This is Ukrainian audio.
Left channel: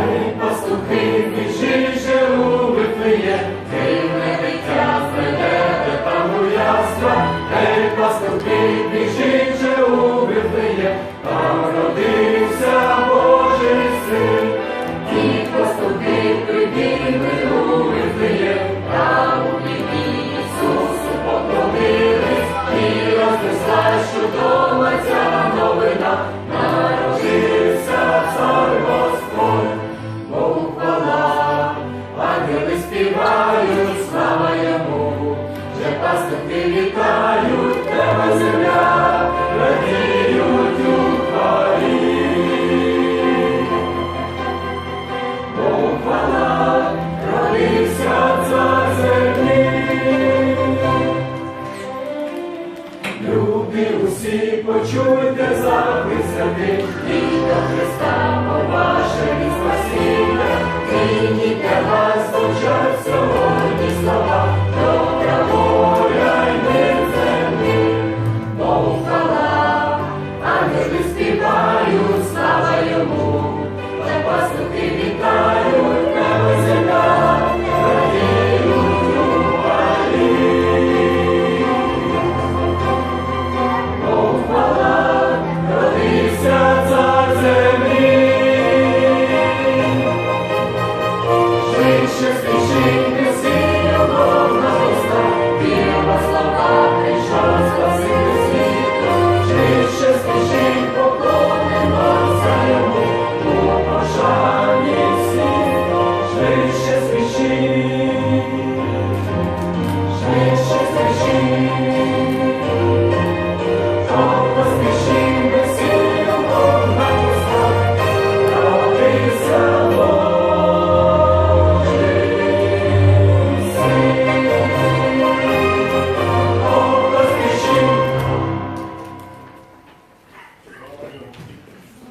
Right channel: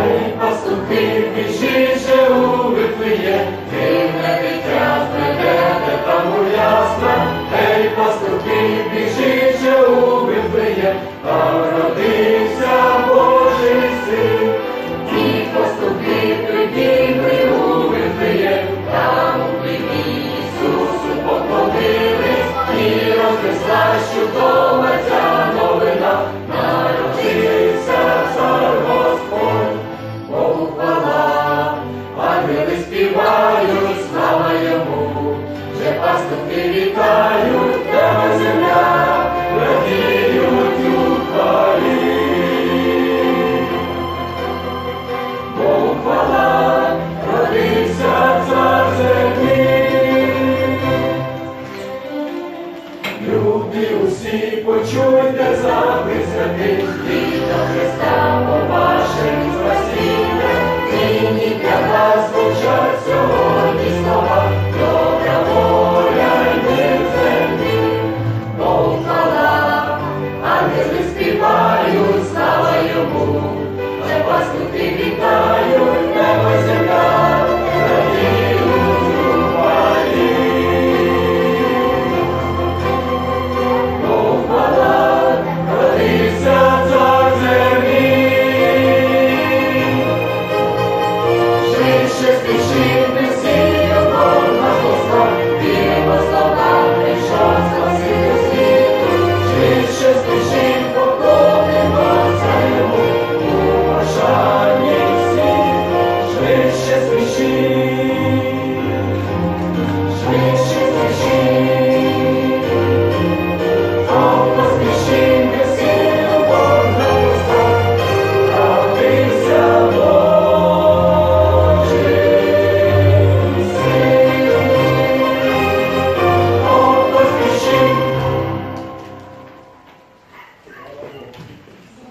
Ей, пастухи, біжіть же у Вифлеєм, дивне дитя зведете там у ясла. Ей, пастухи, біжіть же у родився Божий син. І пастухи прибігли у Вифлеєм, там у Ісусу поклонились, і рознеслась чудова пастухи вітають, тебе земля, радіють у хвалі. Богу хвала, родився цар землі. Люди усі почуйте заклик святих, Віта Христа, по